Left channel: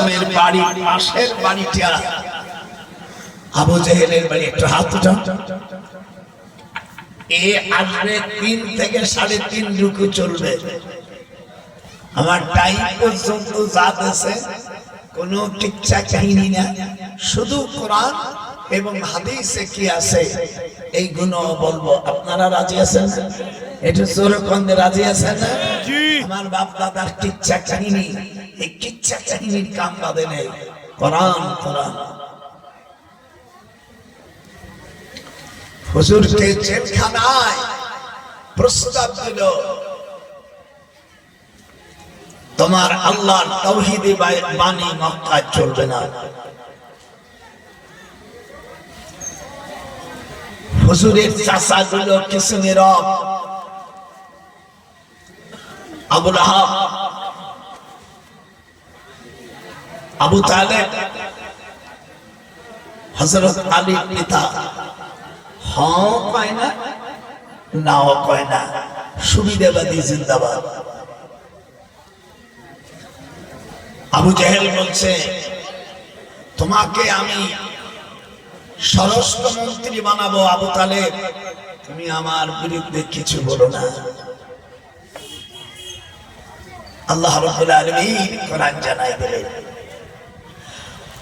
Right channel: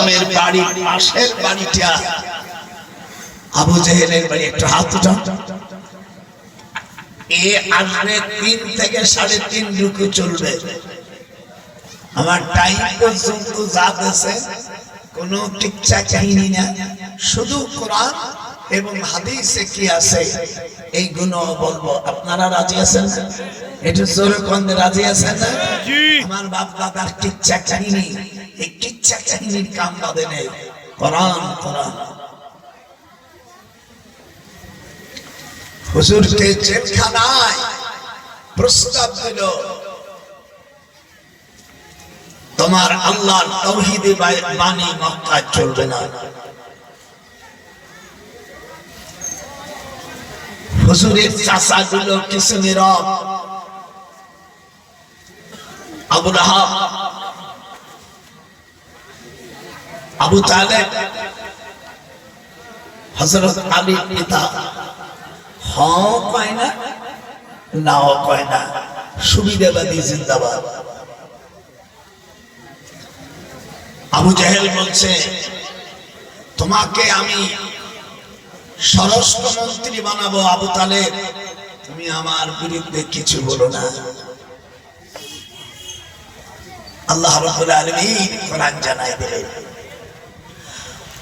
সাল্লামের বাড়ি পাশের বাড়িটা আবু জেহেলের বাড়ি। একটু হাত উঠান। এ আসবে 3 থেকে 3.5 রুকু চলবে। আমার টাইম পর্যন্ত যা দেশে কোনো টিকচাক কাহিনী না, শুধু কোরআন এবং হাদিসে কি আছে এইগুলো বলবো। আপনারা রাজি আছেন? একটু জোরে কোন রাজি আছেন না? আমার বাপ দাদার টিকচাক কাহিনী, এই টিকচাক কাহিনীর কাম বাদে নেই। কোরআন কোরআন। হুজুরকে জেলখানায় প্রস্তাব দিল, তোমার আল্লাহর তাওহীদী বাণী মক্কায় চলবে না। হুজুরের চাচা গুলো কিছু নীরব। আবু লাহাব, আবু তালেব, হযরত আলীর পিতা, হ্যাঁ কয় না, নাও কয় না, সুবিধাবাদী জিন্দাবাদ। আবু জাহেল বলছে, তোমাকে আমি স্বরাষ্ট্রমন্ত্রী বানাবো আবু তালেব, তুমি আমার বিরুদ্ধে কিছু বলো না। আল্লাহ রাব্বুল আলামিন কোরআন জানায় দিলেন,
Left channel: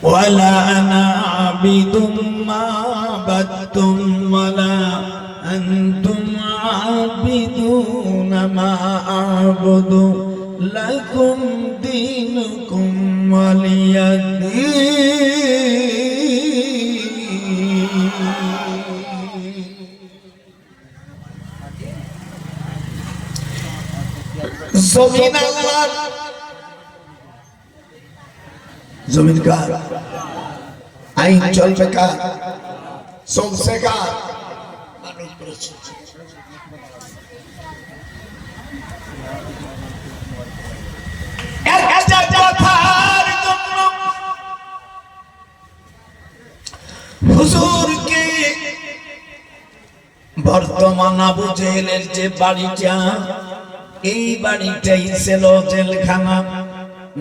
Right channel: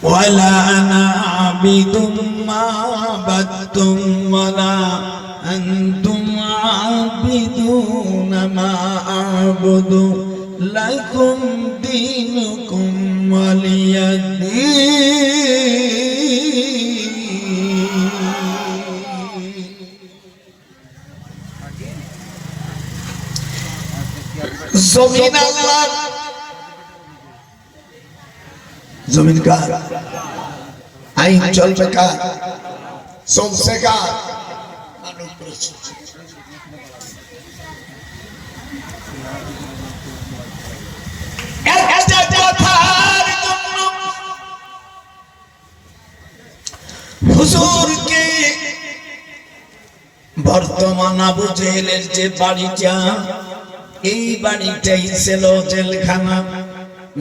ওয়ালা আনা আবিদুম মা আবাদতুম ওয়ালা আনতুম আবিদুনা মা আ'বুদু লাকুম দীনুকুম ওয়ালিয়াদ্দীন। জমিন আল্লাহর, জমিন কার? আইন চলবে কার? চলছে কার? মানুষ করেছে। একটা কথার জন্য হুজুরকে বর্তমান আবু জেহেলের যে বাড়িটা, এই বাড়িটাই ছিল জেলখানা।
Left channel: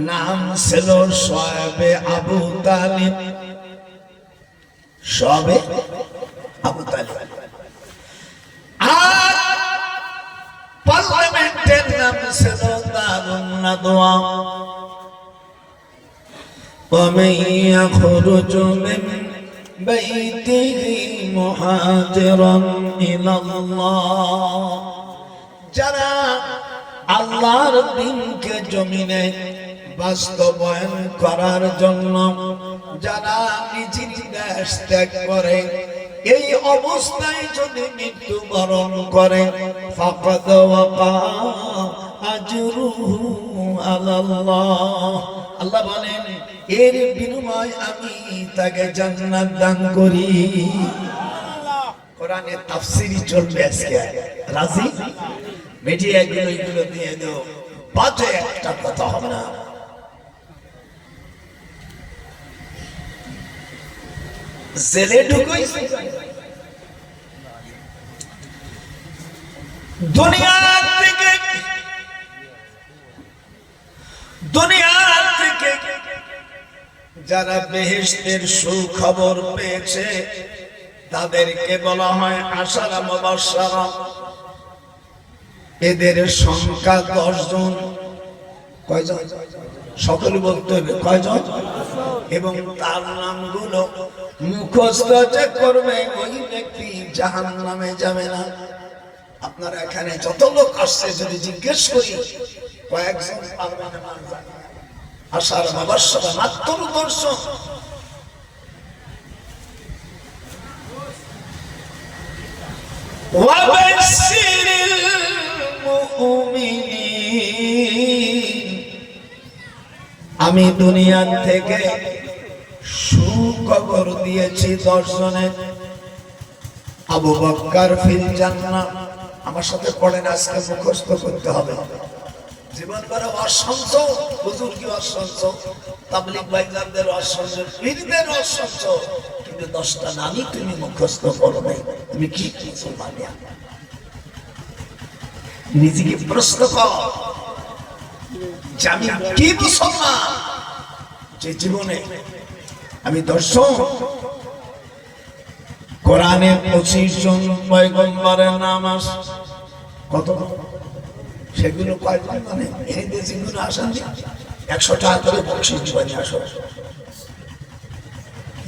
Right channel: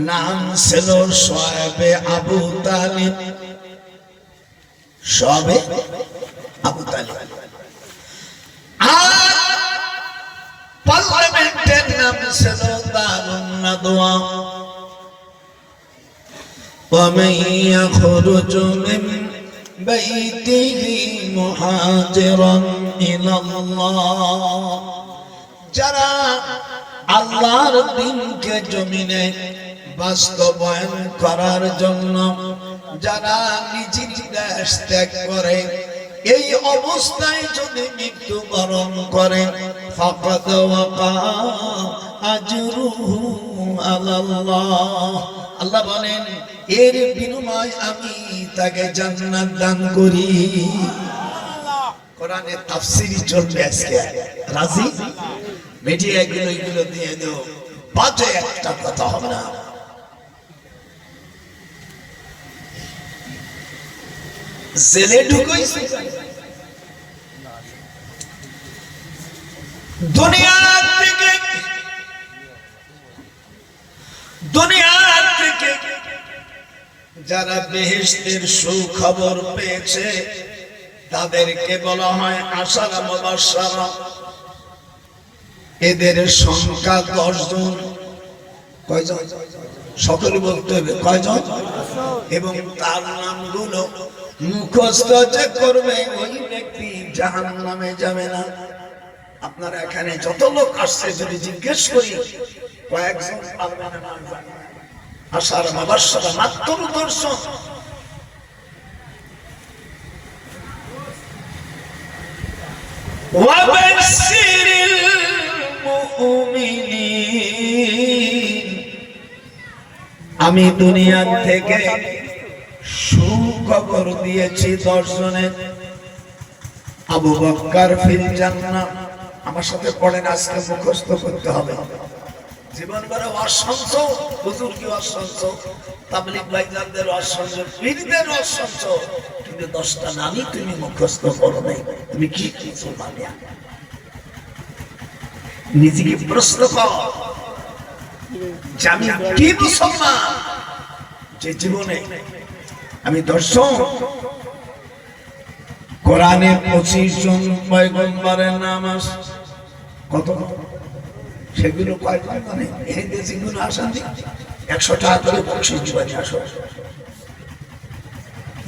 নাম ছিল শোয়েবে আবু তালিব। শোয়েবে আবু তালিব। আর পার্লামেন্টের নাম ছিল দারুন নাদওয়া। ومن يخرج من بيته مهاجرا إلى الله। যারা আল্লাহর দ্বীনকে জমিনে বাস্তবায়ন করার জন্য যারা নিজের দেশ ত্যাগ করে, এই অবস্থায় যদি মৃত্যুবরণ করে, ফাকাদ ওয়াকা আজরুহু আলাল্লাহ। আল্লাহ বলেন, এর বিনিময় আমি তাকে জান্নাত দান করি। কোরআনের তাফসীরই চলবে আজকে। রাজি? মিডিয়া গুলো দিয়ে দাও, বাজে একটা কথা হবে না। জেলে ঢুকাইছে, দুনিয়া থেকে যারা বেহেশতের সুখবর পেয়েছে তাদেরকে বলা হয় আশারা মুবাশশারা। এদের সংখ্যা 10 জন। কয়জন? সকলে বলতে হবে কয়জন। এবং তার নামগুলো মুখস্থ যে করবে ওই ব্যক্তি জাহান্নামে যাবে না। আপনারা এখানে যত লোক আসছে যদি জিজ্ঞেস করি, কয়েকজন পারবেন না জানা। আশারা মুবাশশারা মাত্র 10 জন। ওয়াবাশশিরিল মুমিনিন। আমি দুনিয়া থেকে সুখবর দিয়েছি 10 জনের। আবু বকর ফিল জান্নাহ। আমার সাথে পড়েন, আজকে মুখস্থ করতে হবে। জীবন বড় অসংখ্য, হুজুর কি অসংখ্য, তাবলীগ ভাইদের অসংখ্য, পীরদের অসংখ্য, কিন্তু 10টা নামই তুমি মুখস্থ করো নাই। তুমি কি মুসলমান? নিজেকে প্রশ্ন কর, আমি কি মুসলমান? যে জীবনে আমি দর্শন কোরআনে 25 জন পয়গম্বরের নাম আছে, কত সেগুলো কয়জন মানে এই দেশগুলো আসেন 100 টাকা করে বকশিশ দিবেন।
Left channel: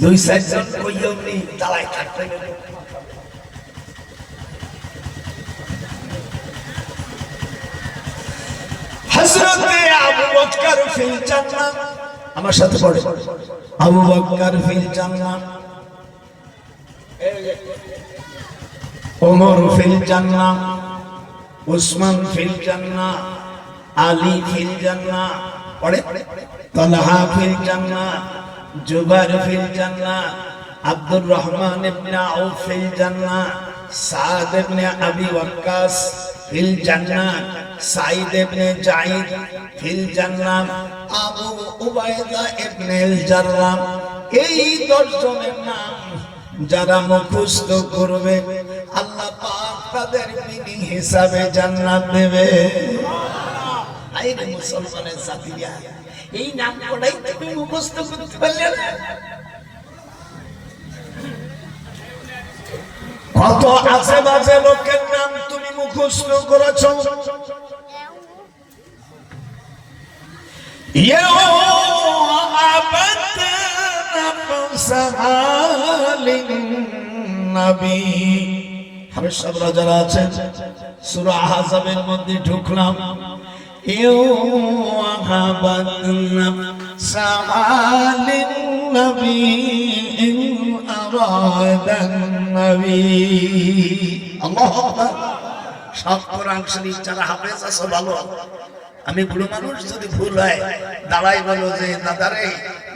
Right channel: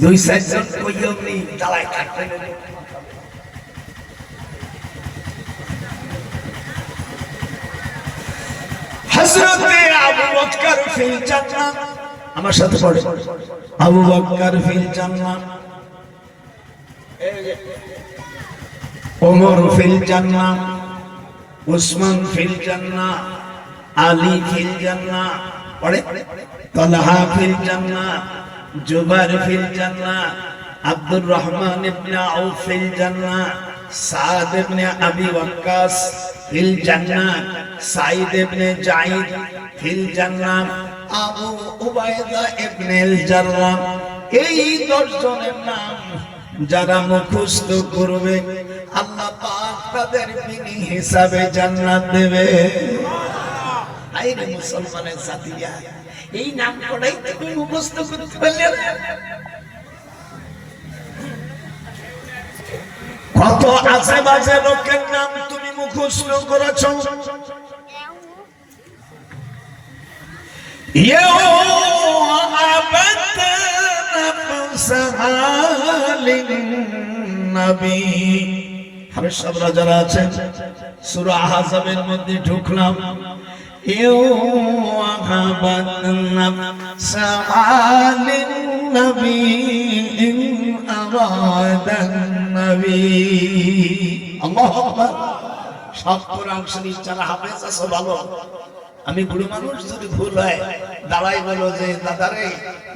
2-4 জন কইও নি দাঁড়ায় থাকতেন। হযরতে আবু বকর ফিল জান্নাহ, আমার সাথে পড়ে, আবু বকর ফিল জান্নাহ, ওমর ফিল জান্নাহ, উসমান ফিল জান্নাহ, আলী ফিল জান্নাহ, পড়ে তালহা ফিল জান্নাহ, জুবাইর ফিল জান্নাহ, আব্দুর রহমান ইবনে আউফ ফিল জান্নাহ, সাদ ইবনে আবি ওয়াক্কাস ফিল জান্নাহ, সাঈদ ইবনে জাইদ ফিল জান্নাহ, আবু উবাইদা ইবনে আল জাররাহ। এই 10 জনের নাম যারা মুখস্থ করবে আল্লাহ পাক তাদের বিনি হিসাবে জান্নাত দেবে। এই মুসলমানের জাতিরা এই নাম কোডাই তুমি মুখস্থ করতে পারলে না? কত আশেপাশে লোকের নাম তুমি মুখস্থ করেছো? যারা আছেন সূরা আহজাবের মধ্যে ঢুকলাম, সব কোরআন শরীফ যারা হাফেজ আছে ভালো। আমি বুড়ো মানুষ, যদি ভুল হয় দাঁড়াই বলো যে দাদারে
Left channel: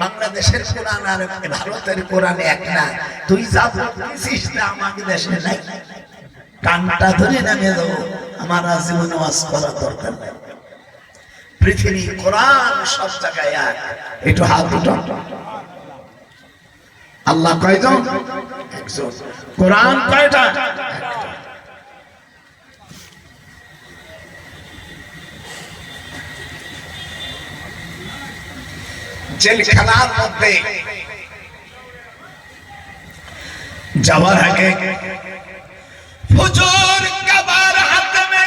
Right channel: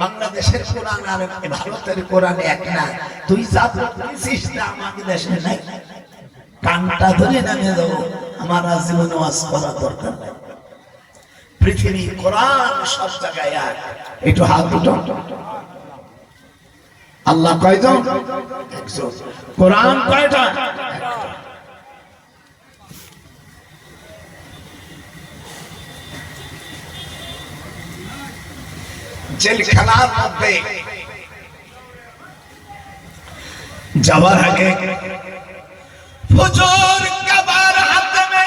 বাংলাদেশের কোরআন আর ভারতের কোরআন এক না, তুই যা বলছিস না আমাদের দেশে নাই। কানটা ধরে নামিয়ে দেবো, আমার জীবনে ওয়াজ করার দরকার নাই। পৃথিবী কোরআন সব জায়গায় এক। একটু হাত উঠান। আল্লাহ কয়জন? একজন। কোরআন কয়টা? জেলখানার মধ্যে যাওয়ার আগে হুজুর কাবার হাতমে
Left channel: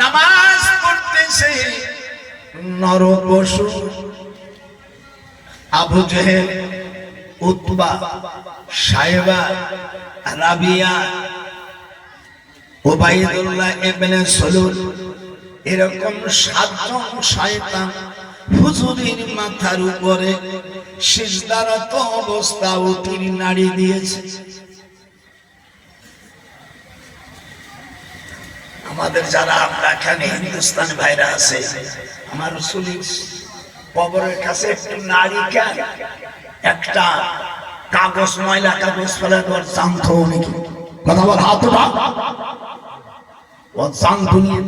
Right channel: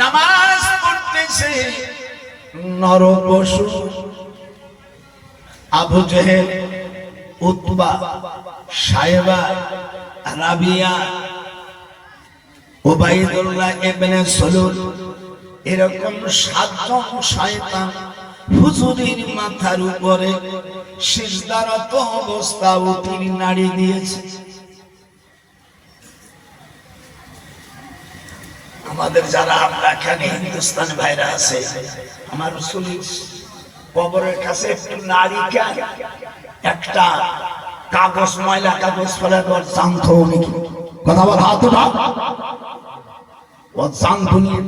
নামাজ পড়তেছে নরপশু আবু জেহেল, উতবা, সাইবা, রাবিয়া, উবাইদুল্লাহ ইবনে সালুল, এরকম 7 জন শয়তান হুজুরের মাথার উপরে সিজদারত অবস্থা উটির নাড়ি দিয়েছে। আমাদের যারা আমরা এখানে হিন্দুস্তানি ভাইরা আছে, আমার রাসূলের কবরের কাছে একটু নাড়ি কেন, একটা কাগজ, ময়লা কাগজ ফেলে তোর জানত নাকি? কথা বল, হাত উঠা। ও জানত নিয়ে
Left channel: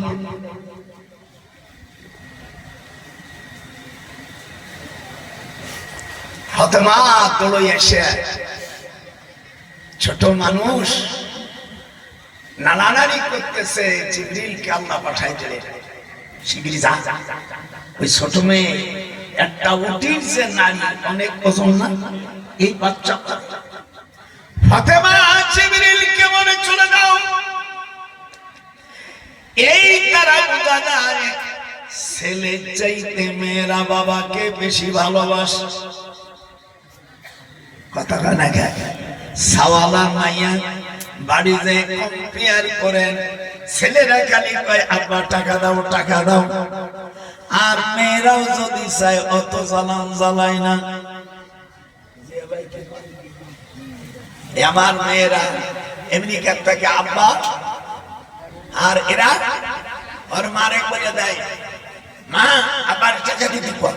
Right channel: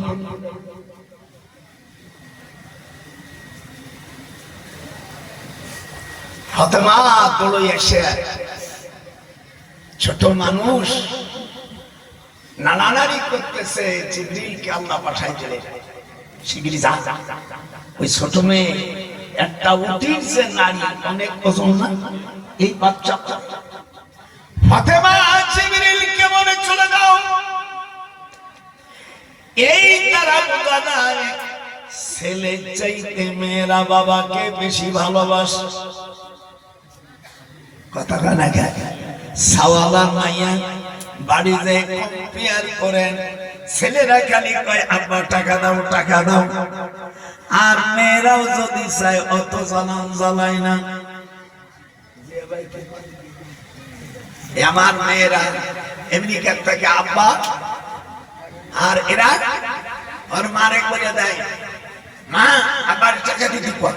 ফাতেমা দৌড়ে এসে, ছোট মানুষ নানানারি করতেছে, জিবরিলকে আল্লাহ পাঠাইছিলেন, শিগগিরই যা। ওই ছোট মেয়ে একটা উটির যে নারী, অনেক ওজন না, এই বাচ্চা ফাতেমা জিবরিলকে বলে চলে যাও। এই তারা বোঝা যায় ছেলের চাইতে মেয়েরা বাবাকে বেশি ভালোবাসে। কথা কানা গায় সাওয়ালা মাইয়া বাড়ি যে কম্পেয়ার করেন, ছেলেরা খালি কয় আব্বা টাকা দাও, টাকা দাও, আর মেয়েরাও যদি চায় অত জ্বালান জ্বালায় না। আমার মেয়েরা এমনি থেকে আব্বা, আর এরা ওর মারে করে দেয় মা আবার টাকা দিতে পার।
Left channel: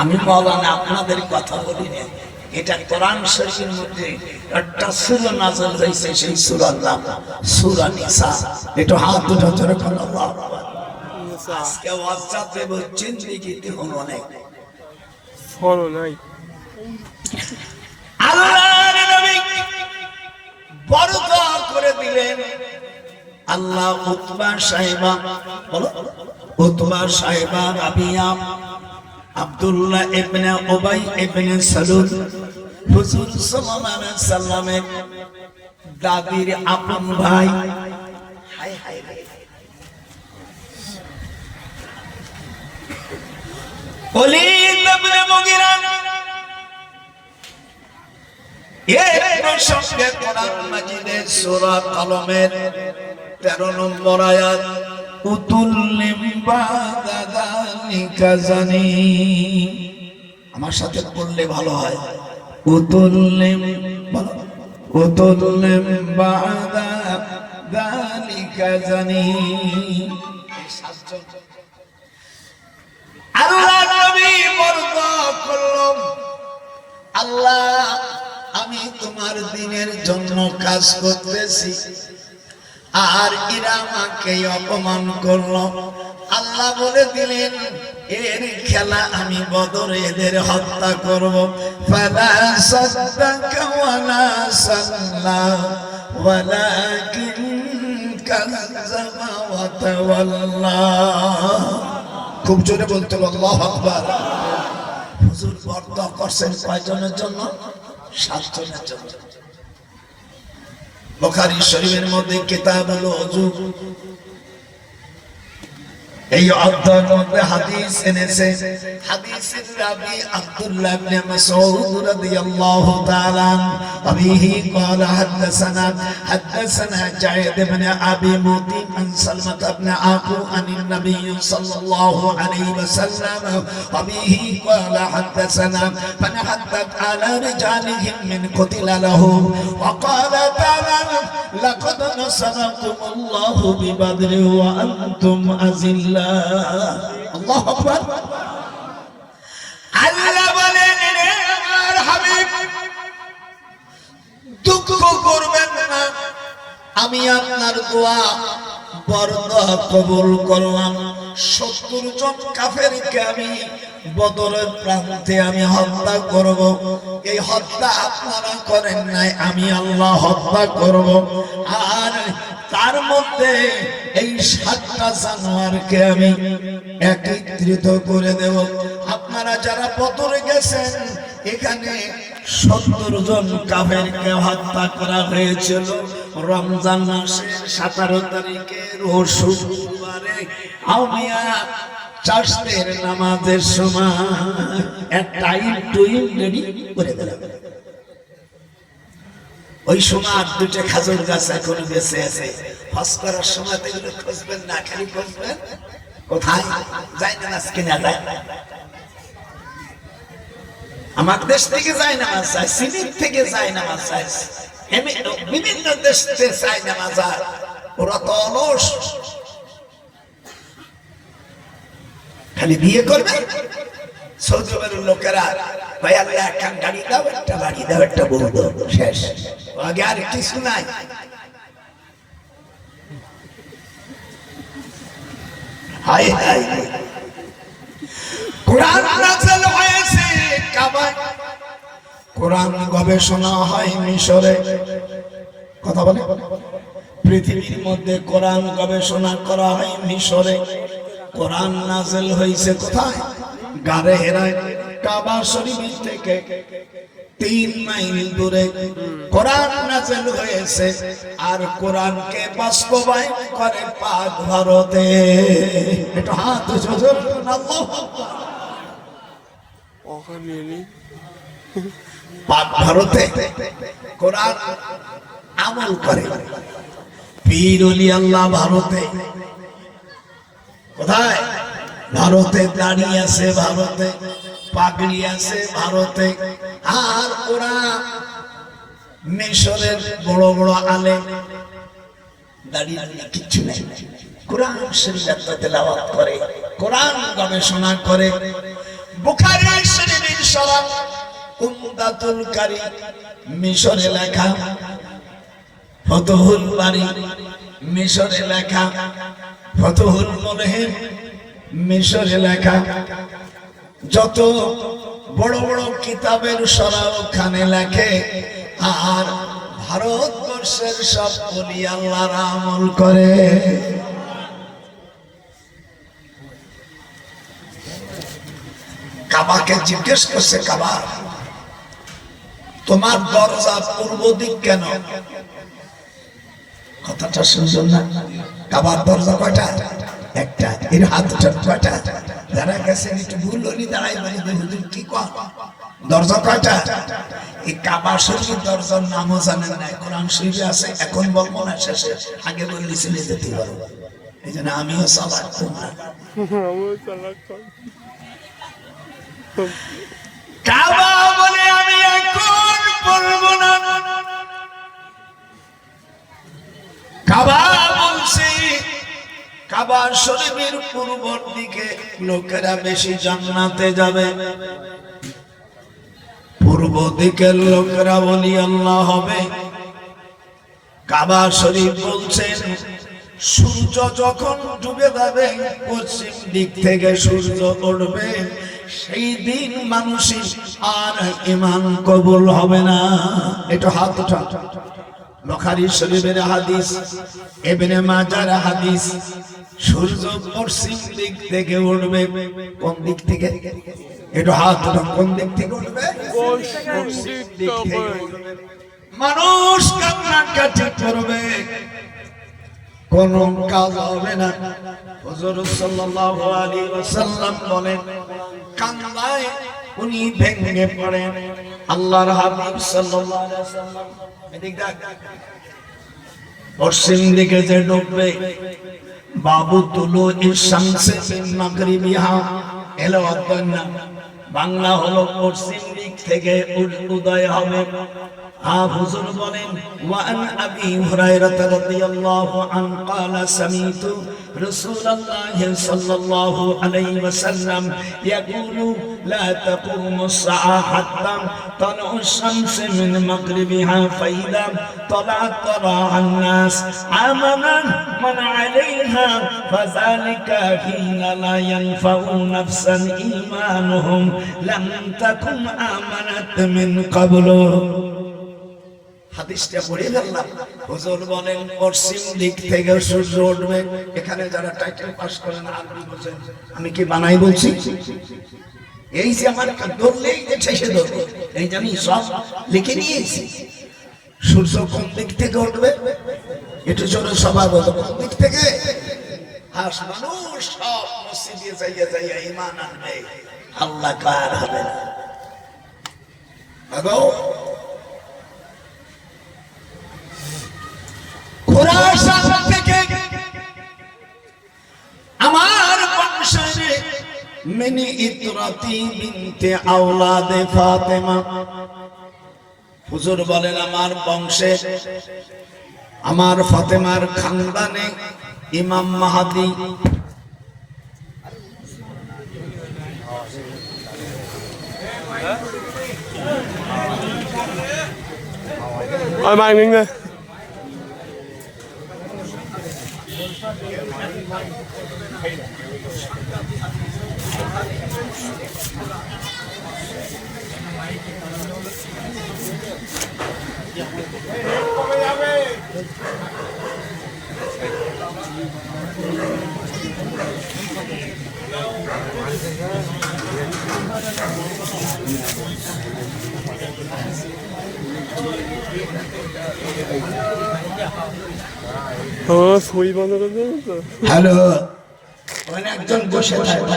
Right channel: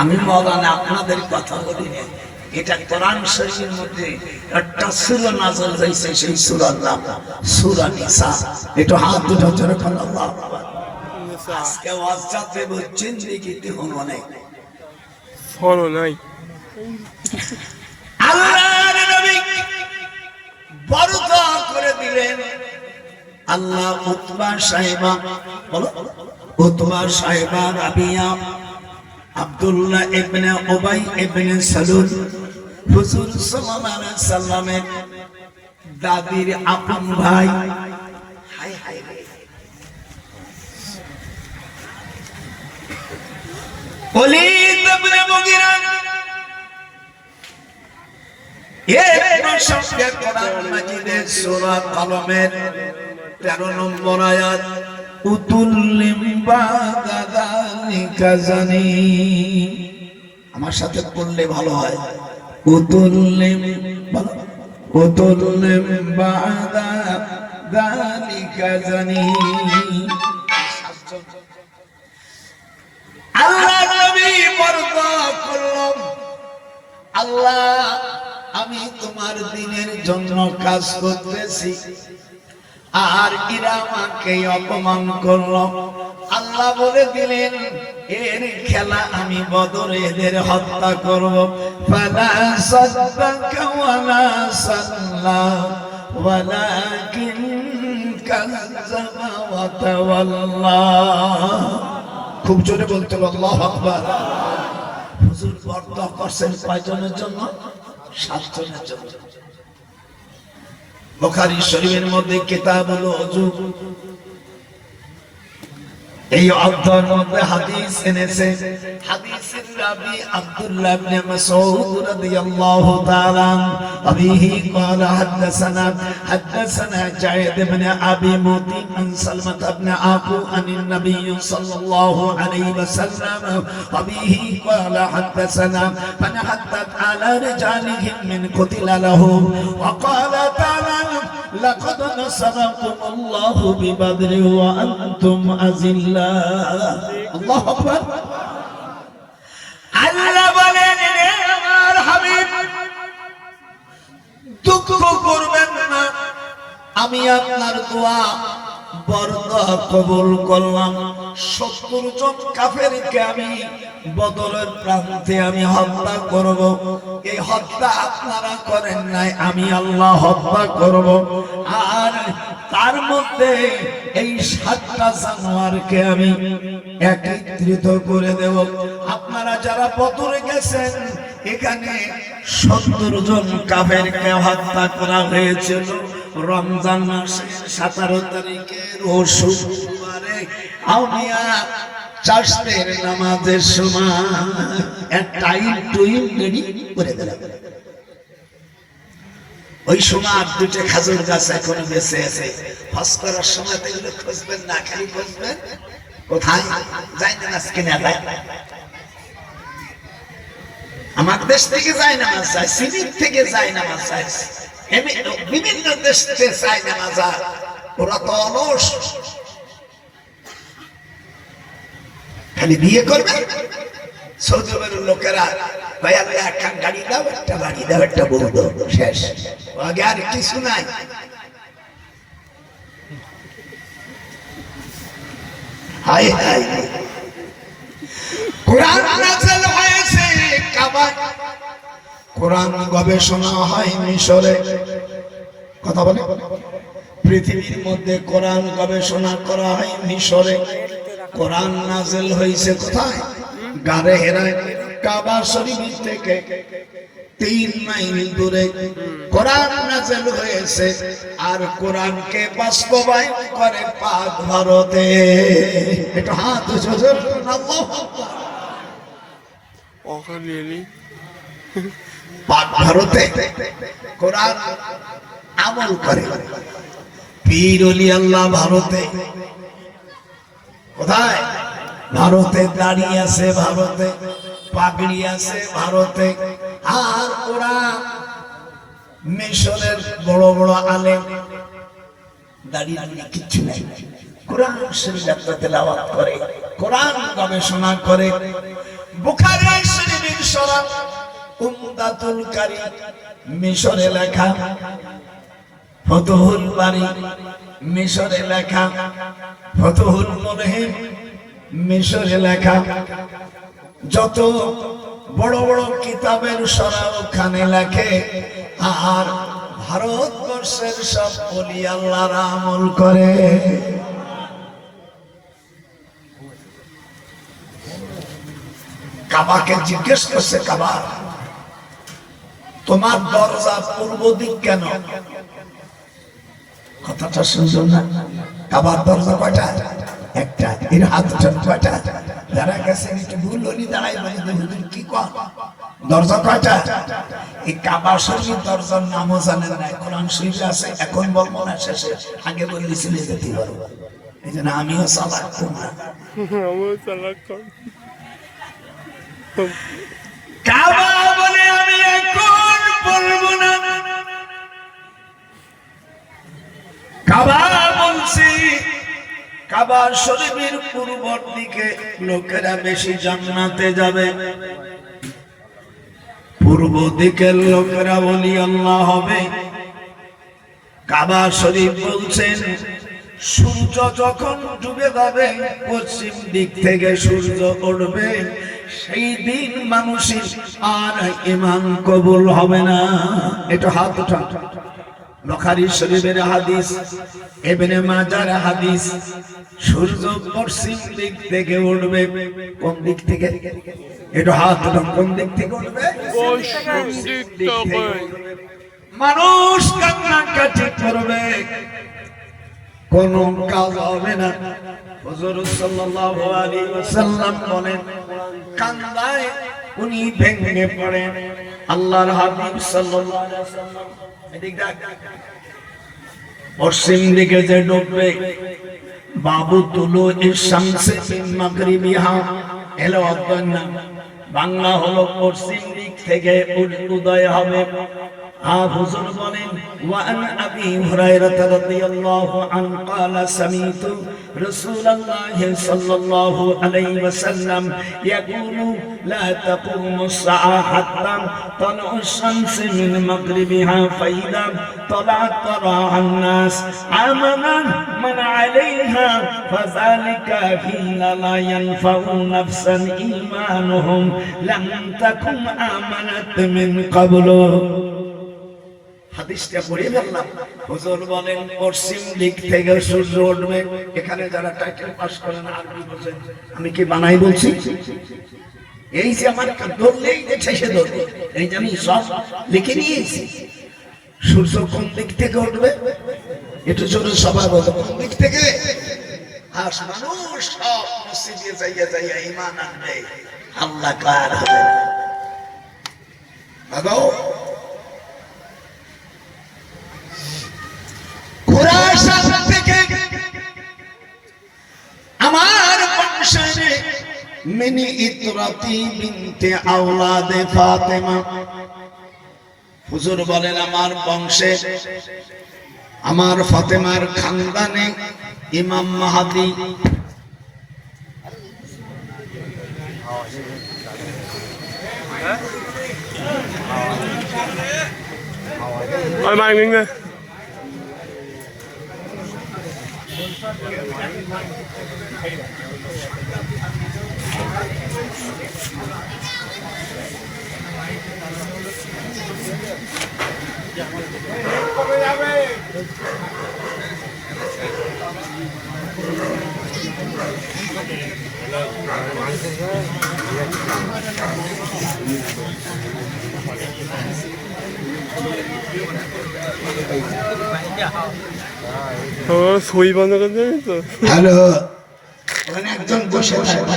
আমি মওলানা আপনাদের কথা বলি না, এটা কোরআন শরীফের মধ্যে একটা সূরা নাযিল হয়েছে, সেই সূরার নাম সূরা নিসা। একটু হাত দুটো জোরে করে আল্লাহু আকবার। আজকে ওয়াজটাতে বলছেন লিখিত হলো না, ফলো নাই। আল্লাহর নবী বড় দোয়া করে দিলেন, আল্লাহ উতবা সাহেবা, বলো উতবা সাহেবা রাবিয়া, আব্দুল্লাহ ইবনে উবাই ইবনে সালুল হুজুর সাল্লাল্লাহু আলাইহি সাল্লামের দাদির আপন ভাই। হায় হায় ওলীদ ইবনে মুগিরা এর প্রসঙ্গে কোরআন মাজিদের সূরা কলমের 13 নম্বর আয়াত, উতুল্লিম বাদালিকা জানি, আমার সাথে পড়লে ভালো হয়, উতুল্লিম, বলো উতুল্লিম বাদালিকা জানি। আল্লাহ নবী বর্ণনা করলেন, আল্লাহ আমি তোমার দ্বীনের জন্য কাজ করতেছি আর এরা আমাকে অপমান করলো। আল্লাহ বলে দিলেন এর খেলা আমি বদরে এদের হত্যা করব। ফালা সাদ্দাকা ওয়ালা সাল্লা ওয়ালাকিন কাযযাবা ওয়া তাওয়াল্লা। খুব জোরে বলতে হবে আল্লাহু আকবার। হুজুর বর্ণনা করছেন কয়জনের জন্য? 7 জনের জন্য। বুখারী শরীফের মধ্যে কিতাবুল ওযু, এই অধ্যায়ের মধ্যে হাদিস এনেছে। হাদিসের রাবী আব্দুল্লাহ ইবনে মাসউদ রাদিয়াল্লাহু তাআলা আবিহি قال حدثنا জায়েদ ইবনে আবি মুতিম আন সালমা ইবনে আকু আনিন নবী সাল্লাল্লাহু আলাইহি ওয়াসাল্লাম আবিহি قال حدثنا فنحدث على رجالهم من قتل لهم وقال تعالى لقد نصركم الله ببدر وأنتم أذلة। الله أكبر। আল্লাহ বলেন রে আমার হাবিব দুঃখ করবেন না, আমি আপনার দোয়া বরদোয়া কবুল করলাম। 70 জন কাফেরকে আমি বদরের প্রান্তে আমি হত্যা করব। এই হত্যা আপনারা করেন নাই, আমি আল্লাহ হত্যা করব। আর তার মধ্যে এই 7টা জানোয়ারকে আমি একত্রিত করে দেব। আপনারা যারা বদরে গেছেন এখানে 70 জন কাফেরকে হত্যা করা হয়েছিল রমজান মাসের 17 তারিখে রোজ শুক্রবারে আউলিয়া চাষের নামাজের সময় টাইম টুইম রেডি করে দিলাম। ওই সময় আর 2টা খাজুর গাছ এখন বেঁচে আছে। হজ করার সময় তো এগুলো খুঁজবেন না, খালি খুঁজবেন কোথায় যায় না মাছ কিনা যায়। আমার দেশ থেকে যায় না মাছ চাই, সিলেট থেকে যায় না মাছ চাই, বিভিন্ন দেশ থেকে চায় না মাছ। ওরা তো অলস, খালি বিয়ে করবে। সৌদি আরবের লোকেরা ভাই আল্লাহ একটা গাড়ি দাও, একটা বাড়ি দাও, একটা বউ দাও, শেষ, আগে আর কিছু নাই। হাই হাই কোরআন নাযিল হয়েছে কাবায়, কোরআন গবেষণা হয় মিশরে। কথা বলে পৃথিবীর মধ্যে কোরআন গবেষণা করা হয় মিশরে। কোরআন নাযিল হয়েছে কোথায়? গারে হেরায়। কাবা শরীফ থেকে 3 মাইল দূরে কোরআন নাযিল হয়েছে। আর কোরআনকে বাস্তবায়ন করে পাক ভারতে। একটু হাত জোর আল্লাহু আকবার। পাক ভারতে কোরআন আমল করে। পীর ওলি আল্লাহ ভারতে, কোথায়? ভারতে দাঁড়িয়ে আছে, ভারতে পাগড়ি আছে, ভারতে। আর ওরা মিশরের বড় বড় আলেম দাঁড়িয়ে কিচ্ছু নেই, কোরআন শরীফ তেলাওয়াত করে, কোরআন গবেষণা করে। বুখারী শরীফের শরহ উমদাতুল কারী মিশরে লেখা, ফতুহুল বারী মিশরে লেখা, ফতুহুল মুনহির মিশরে লেখা। যত বড় বড় কিতাবের শরহ ওখানে লেখে। আর ভারতবর্ষ ভারতবর্ষের সব বলি আল্লাহর আমল করে। কাবাকে জিজ্ঞেস করছে, কাবা তোমার দরজা পূর্ব দিক কেন? কথাটা শুনছেন না? কাবার দরজা কয়টা? একটা। এর হাত উঠান কয়টা? যারা গেছেন একটু ভুল হলি দাঁড়াই বলে হুজুর কি কর, দরজা কয়টা? এই কাবা শরীফ দরজার নামও জানেন না, কোরআন শরীফে আছে, এখন বলবো না, শেষে আগে বললে চলে যেতে পারবো। এই জন্য আমিও চালাক কম না, কাবা বলে আমি এখন বলবো না। কাবা বলছি, কাবা শরীফের পূর্ব দিকে লোকেরা বেশি জান্নাতে যাবে, পূর্ব দিকের লোকেরা বলি আল্লাহ হবে। কাবা শরীফ বলছেন সূর্য যখন ডুবে যাবে পশ্চিম দিক থেকে সূর্য উঠবে, সেই দিন মানুষের আর ঈমান কবুল হবে না। এটা হাত উঠা, বুখারী শরীফের হাদিস, ইবনে মাজার হাদিস। সূর্য পশ্চিম দিক থেকে উঠবে, কোন দিক থেকে? এটা হাত উঠা, কোন দিক থেকে উঠবে? পশ্চিম দিক থেকে। মানুষ কান্নাকাটি করবে, কোন কাজ হবে না। হুজুর সাল্লাল্লাহু আলাইহি ওয়াসাল্লাম বলেন কান্নায় উনি ভেঙে পড়েন। আল্লাহর হাবিব সাল্লাল্লাহু আলাইহি ওয়াসাল্লাম এদিক দেখ, পশ্চিম দিকে যে ডুববে, বাবু তুলো ইশামসে মিন মাগরিবিহা, এলো অজ্ঞান, বাংলা হলো পশ্চিম দিক থেকে উদয় হবে। হুজুর বলেন ওয়ান আবি হুরায়রা রাদিয়াল্লাহু আনহু قال سمعت رسول الله صلى الله عليه وسلم يقول لا تقوم الساعة حتى طلوع الشمس من مغربها فإذا طلعت طلع الناس آمنا من عليها فذلك حين لا ينفع نفسا إيمانهم لم تكن آمنت من قبل। হাদিসটা পড়ে ফেললাম। হুজুর বলেন পশ্চিম দিক থেকে সূর্য উঠবে। এখানে যারা টাইটেল পাস করেন আরবি বোঝেন, আমি কি বানাই বলছি? এই যে আমার ধরলেই যে ঠেসে ধরবে, এই জানি সব লিখে নিয়েছি। সূর্য কোন দিক থেকে উঠবে একটু জোরে সবাই বলো, কোন দিক থেকে? আর মানুষ সব মসজিদে যাইয়া যাইয়া ঈমান আনবে, আল্লাহ কার হবে না। খুরাসান থেকে আমার বংশে মিনি ইতরাতি বিনতে আওলাদে ফাতেমা। হুজুর বলেন আমার বংশে, আমার ফাতেমার খানদানে ইমাম মাহদী সই বন্ধ করে দেবেন তো। হ্যালো, একজন বসে থাকে,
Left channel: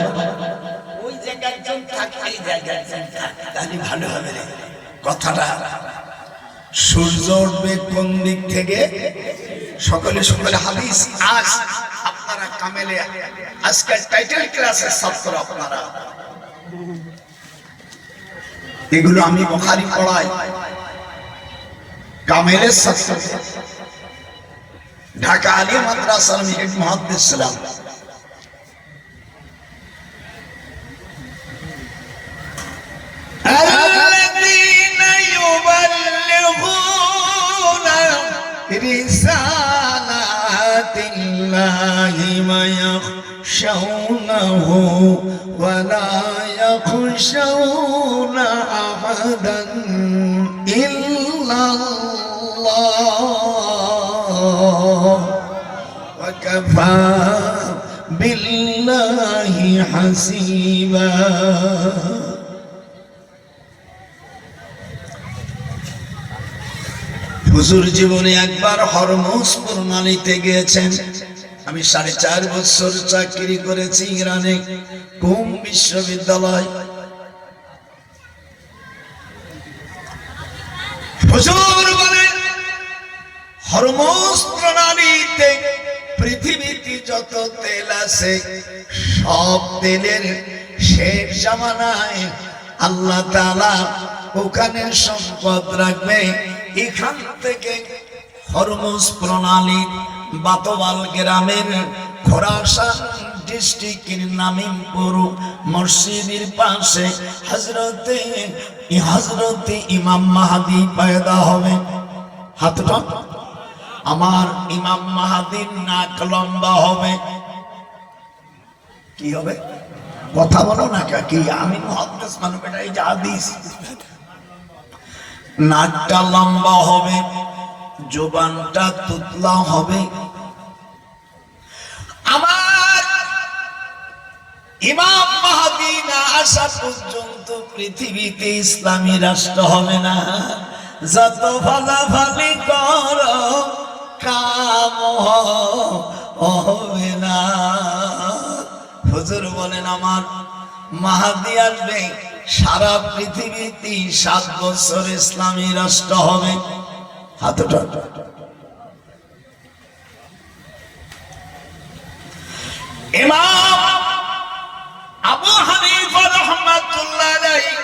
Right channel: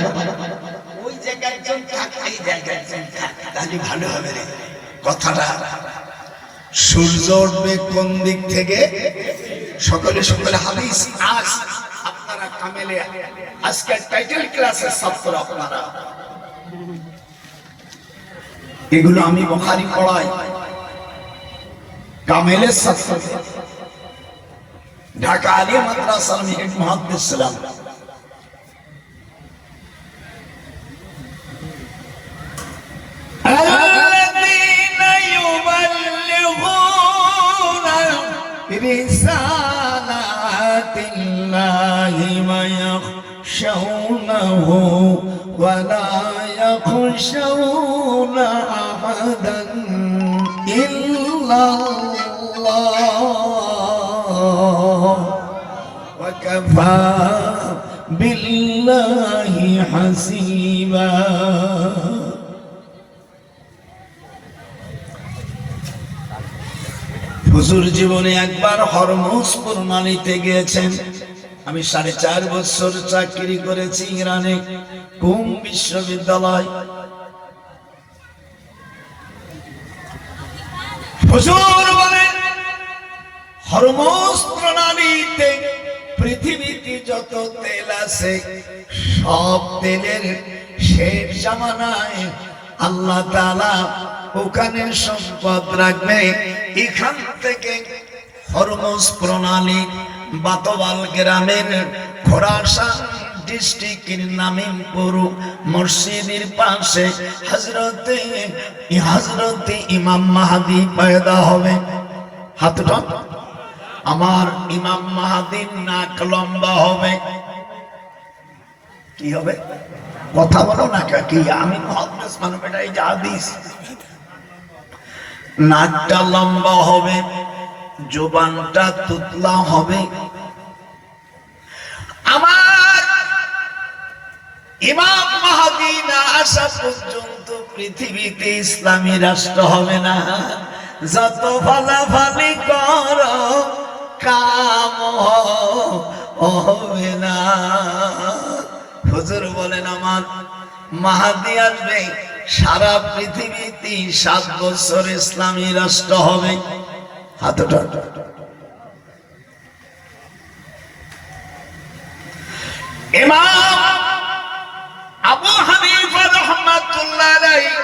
ওই জায়গায় একজন থাকে, এই জায়গায় একজন থাকে, তাহলে ভালো হবে রে কথাটা। সূর্য উঠবে কোন দিক থেকে? সকলে সকলে হাদিস। আজ আপনারা কামেলে আজকের টাইটেল ক্লাসের ছাত্র আপনারা, এগুলো আমি বুখারী পড়াই, কামেলের ছাত্র, ঢাকা আলিয়া মাদ্রাসার হেড মুহাদ্দিস ছিলাম। الذين يبلغون رسالات الله ويخشونه ولا يخشون أحدا إلا الله ওয়াকাফা বিল্লাহি হাসিবা। হুজুর জীবনে একবার হরমুজ প্রণালীতে গিয়েছেন। আমি 4.5 বছর চাকরি করেছি ইরানে, কুম বিশ্ববিদ্যালয়। হুজুর বলেন হরমুজ প্রণালীতে পৃথিবীতে যত তেল আছে সব তেলের শেষ জামানায় আল্লাহ তাআলা ওখানে সম্পদ রাখবে। এখান থেকে হরমুজ প্রণালী বাতওয়াল গ্রামের খোরাসান ডিস্ট্রিক্টের নামিমপুর মসজিদের পাশে হযরতে ইমাম মাহদী পয়দা হবে। হাতটা আমার ইমাম মাহদীর নাক লম্বা হবে। কি হবে? কথা বলো না কি? আমি মুহাদ্দিস মানুষ, এটা এই যে হাদিস। নাকটা লম্বা হবে, জবানটা তুতলা হবে। আমার ইমাম মাহদী না আসা পর্যন্ত পৃথিবীতে ইসলামী রাষ্ট্র হবে না। যত ফালাফালি করো কাম হবে না। হুজুর বলেন আমার মাহদী আসবে, সারা পৃথিবীতে 7 বছর ইসলামী রাষ্ট্র হবে। হাতটা ইমাম আবু হানিফা রাহমাতুল্লাহ আলাইহি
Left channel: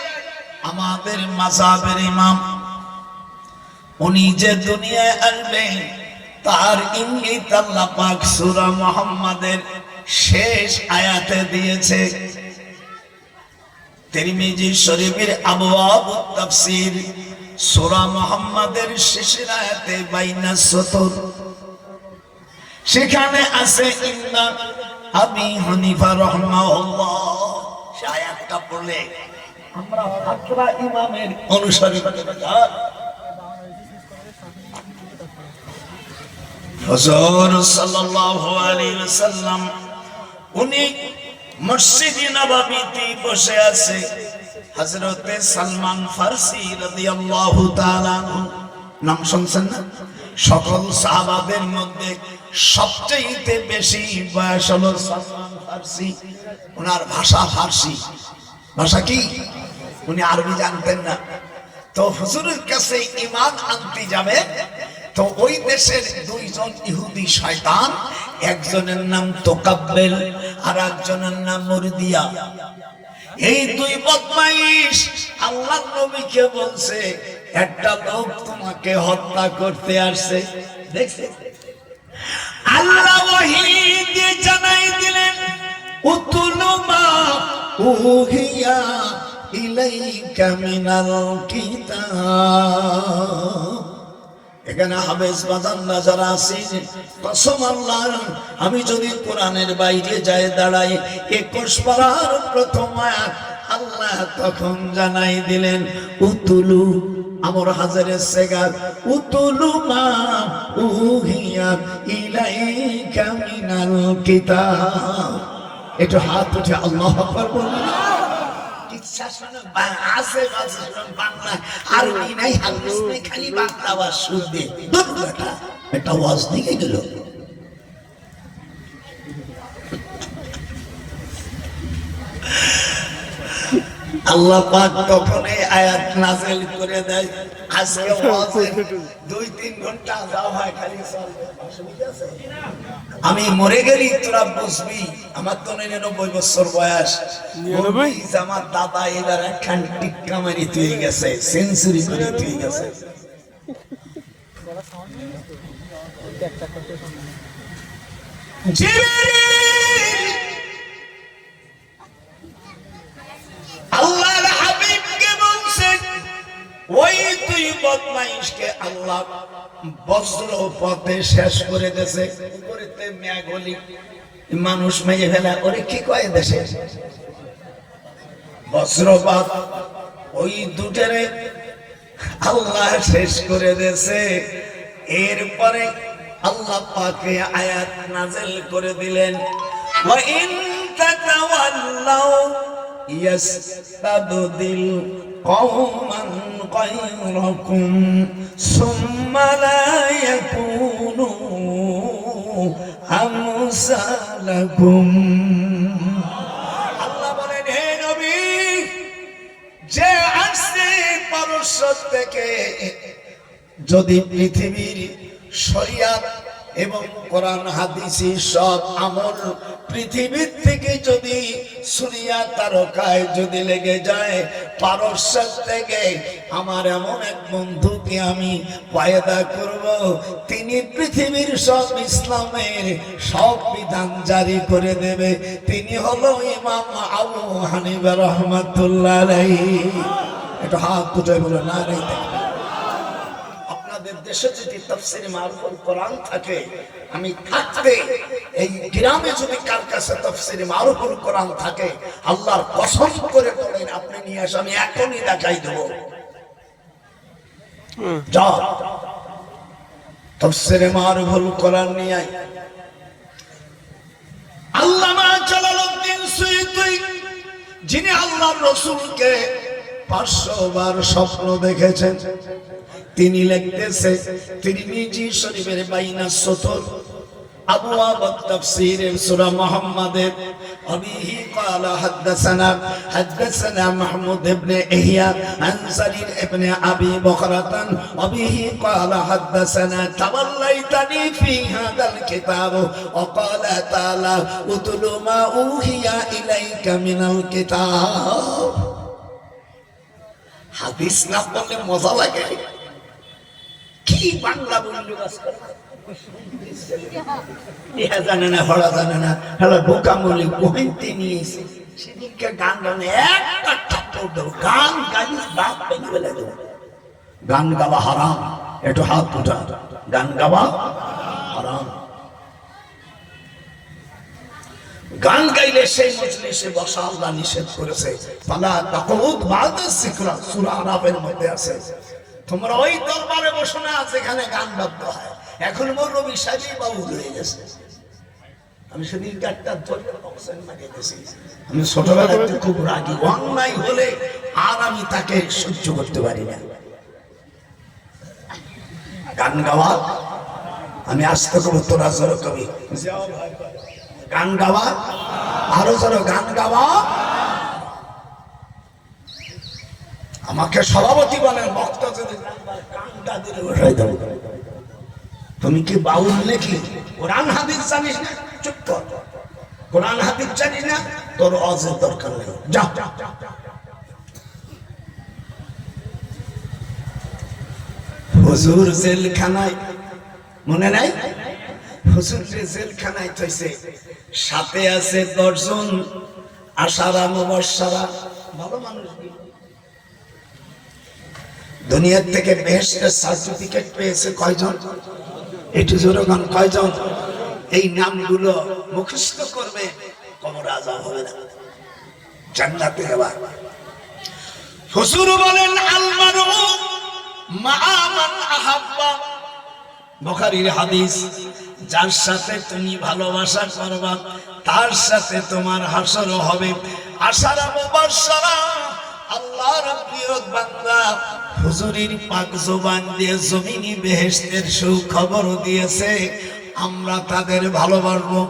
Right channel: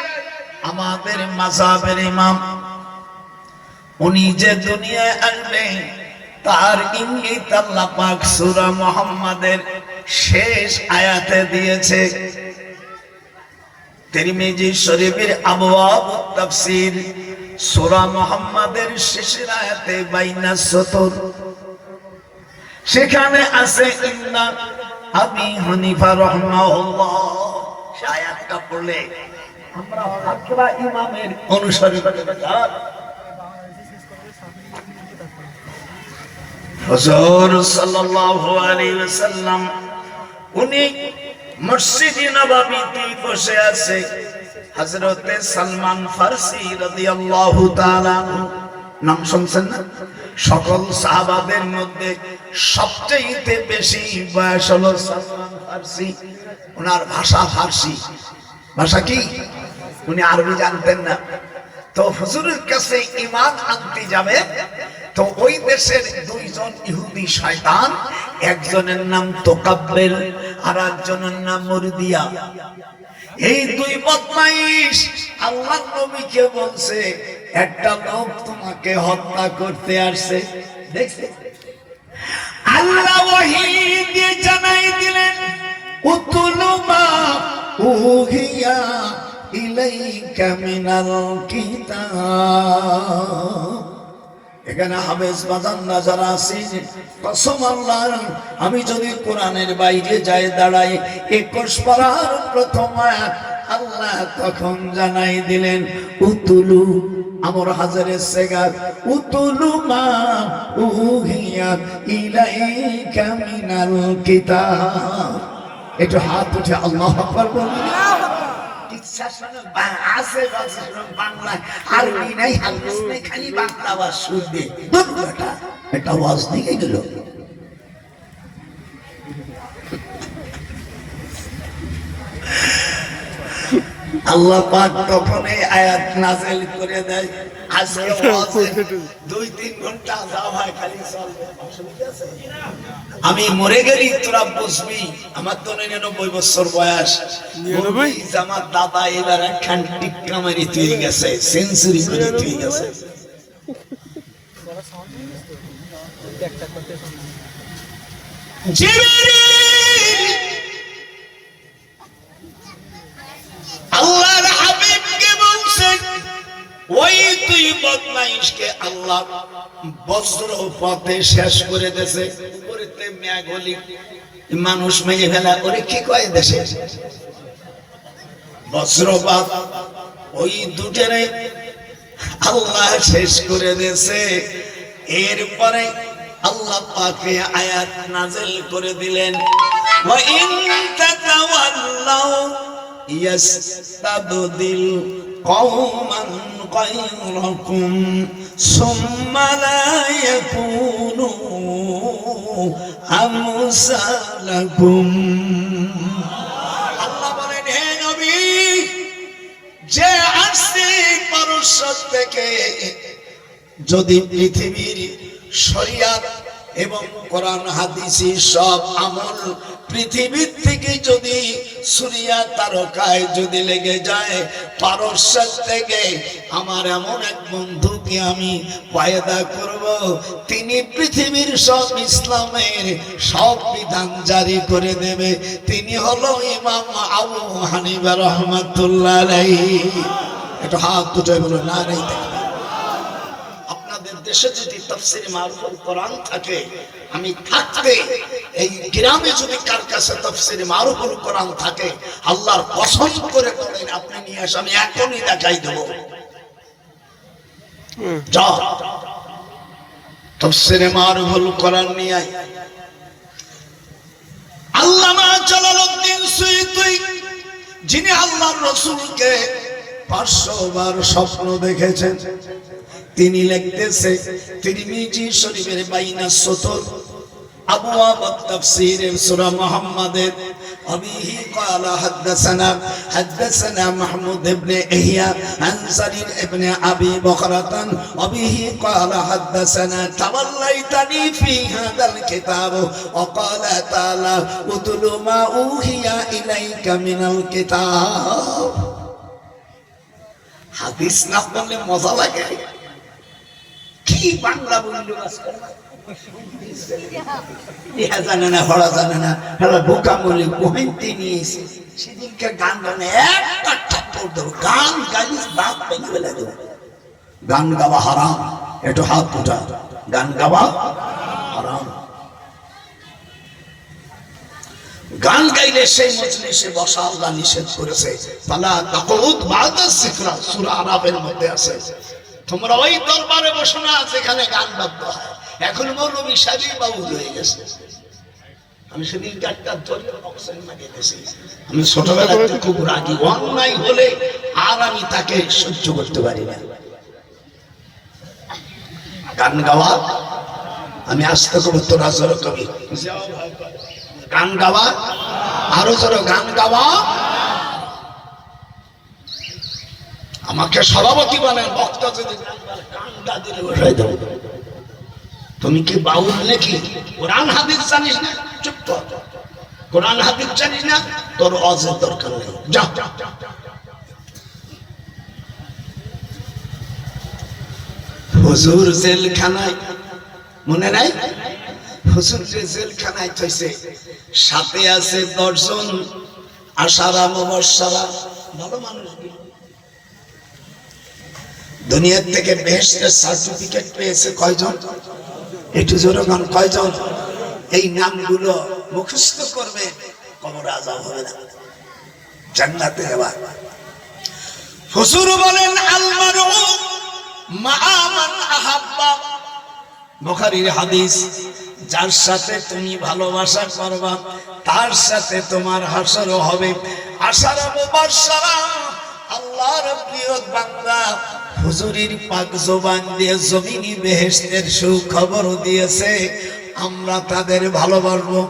আমাদের মাযহাবের ইমাম, উনি যে দুনিয়ায় আসবেন তার ইঙ্গিত আল্লাহ পাক সূরা মুহাম্মাদের শেষ আয়াতে দিয়েছে। তিরমিজি শরীফের আবওয়াব তাফসীর সূরা মুহাম্মাদের শেষের আয়াতে বাইনা সতর, সেখানে আছে ইন্না আবি হানিফা রাহমাহুল্লাহ। সেই আয়াতটা পড়লে আমরা ফাকরা ইমামের অনুসরণ করতে পারি। হুজুর সাল্লাল্লাহু আলাইহি ওয়াসাল্লাম উনি মসজিদে নববীতে বসে আছে। হযরতে সালমান ফারসি রাদিয়াল্লাহু তাআলা নাম শুনছেন না? সকল সাহাবাদের মধ্যে সবচেয়ে বেশি বয়স হলো সালমান ফারসি। ওনার ভাষা ফারসি। ভাষা কি? উনি আরবি জানতেন না। তো হুজুরের কাছে ঈমান আনতে যাবে, তো ওই দেশের 2 জন ইহুদি শয়তান, একজনের নাম তোকাব্বেল আর একজনের নাম মুরদিয়া। এই 2 বদমাইশ আল্লাহর নবীকে বলছে একটা লোক তোমাকে হত্যা করতে আসছে। দেখছেন আল্লাহ ওহী দিয়ে জানাই দিলেন উতুলু মা উহিয়া ইলাইকা মিনাল কিতাব। এখানে হাফেজ বাজানরা যারা আছেন, কসম আল্লাহর, আমি যদি কোরআনের বাইরে যাই দাঁড়াই 21 পারার প্রথম আয়াত আল্লাহ তখন জানাই দিলেন উতুলু, আমর হাজারের সেগার উতুলু মা উহিয়া ইলাইকা মিনাল কিতাব। একটু হাত উঠে আল্লাহু আকবার বলুন। বাংলা আরবি নাই, হাদিস নাই, খালি বাংলা ওয়াজ শুনবে। একটা ওয়াজ দিকে গেল। আল্লাহ পাক তখন এই আয়াত নাযিল করে দেয়। আজকে 2-3 ঘন্টা যাও হয় খালি চলবে, অসুবিধা আছে? আমি মরে গেলি তোরা বুঝবি। আমার তো 99 বছর বয়স। আমার দাদা এবার একখান টিক্কা মেরে তুই গেছে, সেঞ্চুরি করে তুই গেছে। আল্লাহর হাবিবকে বলছেন ওই 2 বদমাইশকে আল্লাহ বজ্র পথে শেষ করে দেছে। উপরেতে মেঘলি মানুষ মেরে ফেলা, ওরে কি কয় দেশে বজ্রপাত, ওই দুটারে আল্লাহ শেষ করে দেছে। এরপরে আল্লাহ পাকে আয়াত নাযিল করে দিলেন, ওয়া ইন তাতাওয়াল্লাউ ইয়াস্তাবদিল কওমান গায়রাকুম সুম্মা লা ইয়াকুনু আমসালাকুম। আল্লাহ বলেন, হে নবী, যে আসছে পারস্য থেকে, যদি পৃথিবীর শরিয়াত এবং কোরআন হাদিসি সব আমল পৃথিবীর থেকে যদি সূর্যা তারকায় যদি লেগে যায়, পারস্য থেকে আমার এমন এক বন্ধুকে আমি পয়দা করব, তিনি পৃথিবীর সব ইসলামের সব বিধান জারি করে দেবে। তিনি হলো ইমাম আবু হানিফা রাহমাতুল্লাহ আলাইহি। এটা হাত উঠে বলো না রে। দেশে যদি তাফসীর মারুফুল কোরআন থাকে, আমি থাকতে এই গ্রামে যদি কার কাছে তাফসীর মারুফুল কোরআন থাকে, আল্লাহর কসম করে বলেন, আপনি নিয়ে আসেন, আমি এখনই দেখাই দেব। যাও তাফসীর মারুফুল কোরআন নিয়ে আয়। আল্লামা জালালউদ্দিন সুয়ুতী, যিনি আল্লাহর রাসূলকে 500 বার স্বপ্ন দেখেছেন, তিনি লিখতেছে তিরমিজি শরীফের বাইনা সতর আবওয়াব তাফসীর সূরা মুহাম্মাদের আবিহি ক্বালা হাদাসানা মাহমুদ ইবনে ইহয়া আন সারির ইবনে আবি বকরাতান আবিহি ক্বালা হাদাসানা তাওয়াল্লাইতানি ফি হাদাল কিতাব ওয়া ক্বালা তাআলা উতলু মা উহিয়া ইলাইকা মিনাল কিতাব। হাদিস না পড়লে মজা লাগে। কি বাংলা বললো আজকাল, ইহা জানে না, হড়া জানে না, হড়া বোকা বলে কহিতে নিয়েছে। সেদিনকে গান গানে একটা থাপ্পড় দেবো, গান গাইলে দাঁত ভেঙে ফেলে দেবো। গান গাওয়া হারাম, একটু হাত উঠা। গান গাওয়া হারাম। গান গাইলে সেই মজলিসে বসা আল্লাহ নিষেধ করেছে। ফালা তাকুদ বা'দা যিকরা, সূরা আরাফের মধ্যে আছে। তোমরা ওই দরবারে বসো না যেখানে গান বাদ্য হয়। এখন মৌলভী সাহেব বাউল হয়ে গেছে। আমি সেদিন গানটা ধরে বক্সের মারিয়ে দিয়েছি। আমি ছোটবেলায় খুব রাগী, অন্যায় হলে আর আমি তাকে সহ্য করতে পারি না। গান গাওয়া, আমি আসতে করবো, তোরা জোর কবি গান গাওয়া, আরো জোর গান গাওয়া। আমাকে সভাপতি বলেন, বক্তা যদি গানটা দিলে বসাই দেবো। তুমি কি বাউল নাকি? কোরআন হাদিস জানিস না? চুপ কর। কোরআন হাদিস জানিস না, তোর অজের দরকার নেই। যা। হুজুর জেলখানায়, মনে নাই? হুজুর জেলখানায় থইছে, সাথে আছে 10 জন আশারা মুবাশশারা, ভালো মানুষ। দুনিয়ার থেকে বেহেশতের সার্টিফিকেট পেয়েছে কয়জন? একটু জোরগান, কয়জন? এই নামগুলো মুখস্থ করবে, কবর আযাব হবে না, জান্নাতে যাবা। হুজুর বলেন, আল মারউ মা'a মান আহাব্বা, বুখারীর হাদিস। যার সাথে তুমি ভালোবাসা করবা তার সাথে তোমার হাসর হবে। আশারা মুবাশশারা, আল্লাহর প্রিয় বান্দা হুজুরের পাক জবান দিয়ে জমিনি বেহেশতের সুখবর দিয়েছে। আমরা তাদের ভালোবাসবো।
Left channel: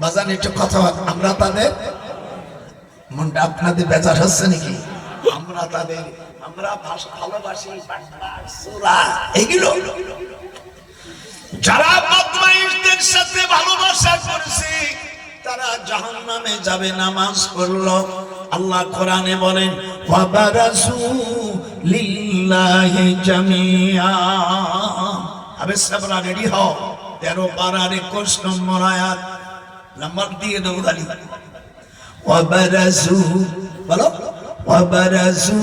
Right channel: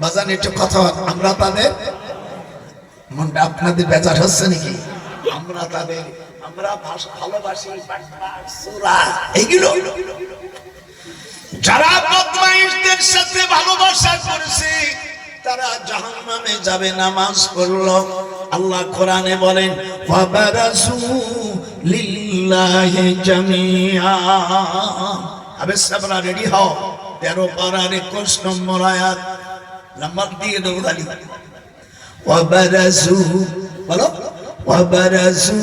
বাজান একটু কথা, আমরা তাদের, মনটা আপনাদের বেজার হচ্ছে নাকি? আমরা তাদের, আমরা ভালোবাসি। এইগুলো যারা বদমাইশদের সাথে ভালোবাসা করছে তারা জাহান্নামে যাবে। নামাজ পড়লো, আল্লাহ কোরআনে বলেন, ওয়াবারাসু লিল্লাহি জামিআ। আবে সাবরা, রেডি হও। 13 পারার 21 নম্বর আয়াত, নাম্বার দিয়ে দাও গালি। ওয়াবারাসু, বলো, ওয়াবারাসু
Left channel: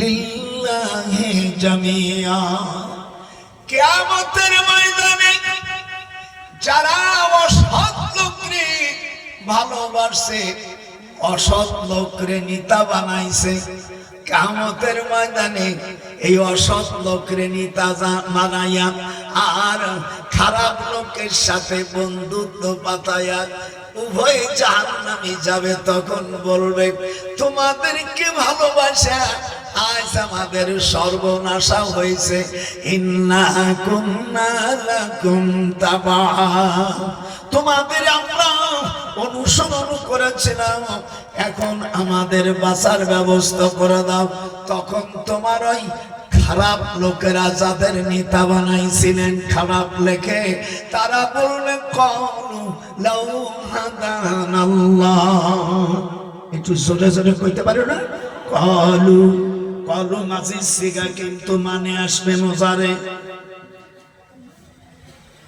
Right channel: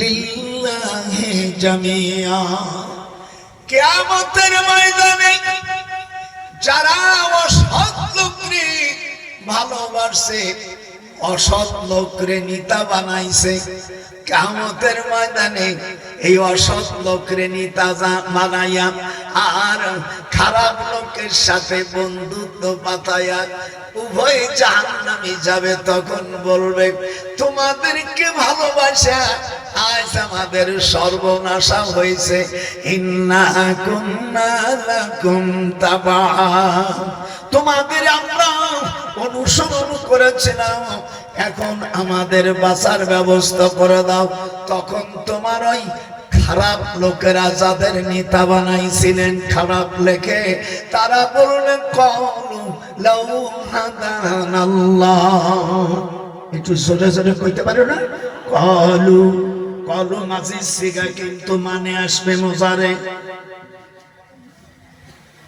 লিল্লাহি জামিআ। কিয়ামতের ময়দানে যারা অসৎ লোককে ভালোবাসে, অসৎ লোকরে নেতা বানাইছে, কিয়ামতের ময়দানে এই অসৎ লোকরে নেতা বানাইয়া আর খারাপ লোকের সাথে বন্ধুত্ব পাতায়া উভয় জাহান্নামে যাবে। তখন বলবে তোমাদেরকে ভালোবাসা আজ আমাদের সর্বনাশা হয়েছে। ইন্না কুন্না লাকুম তাবা, তোমাদের আমরা অনুসরণ করেছিলাম, এখন আমাদের বাঁচার ব্যবস্থা করে দাও। তখন তোমার ওই খারাপ লোকেরা যাদের নেতা বানাইছিলেন খারাপ লেখে, তারা বললেন কলু লাউ হাদানাল্লাহ, একটু জোরে জোরে কইতে পারো না? কলু, কলু মাঝি সিগা কিন্তু মানে আসবে মুজারে।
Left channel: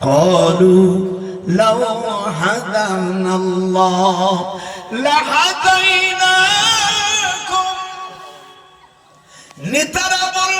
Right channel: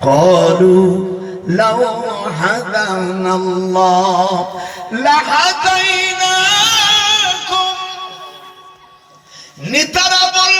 কলু লাউ হাদানাল্লাহ লাহাদাইনাকুম, নেতারা বল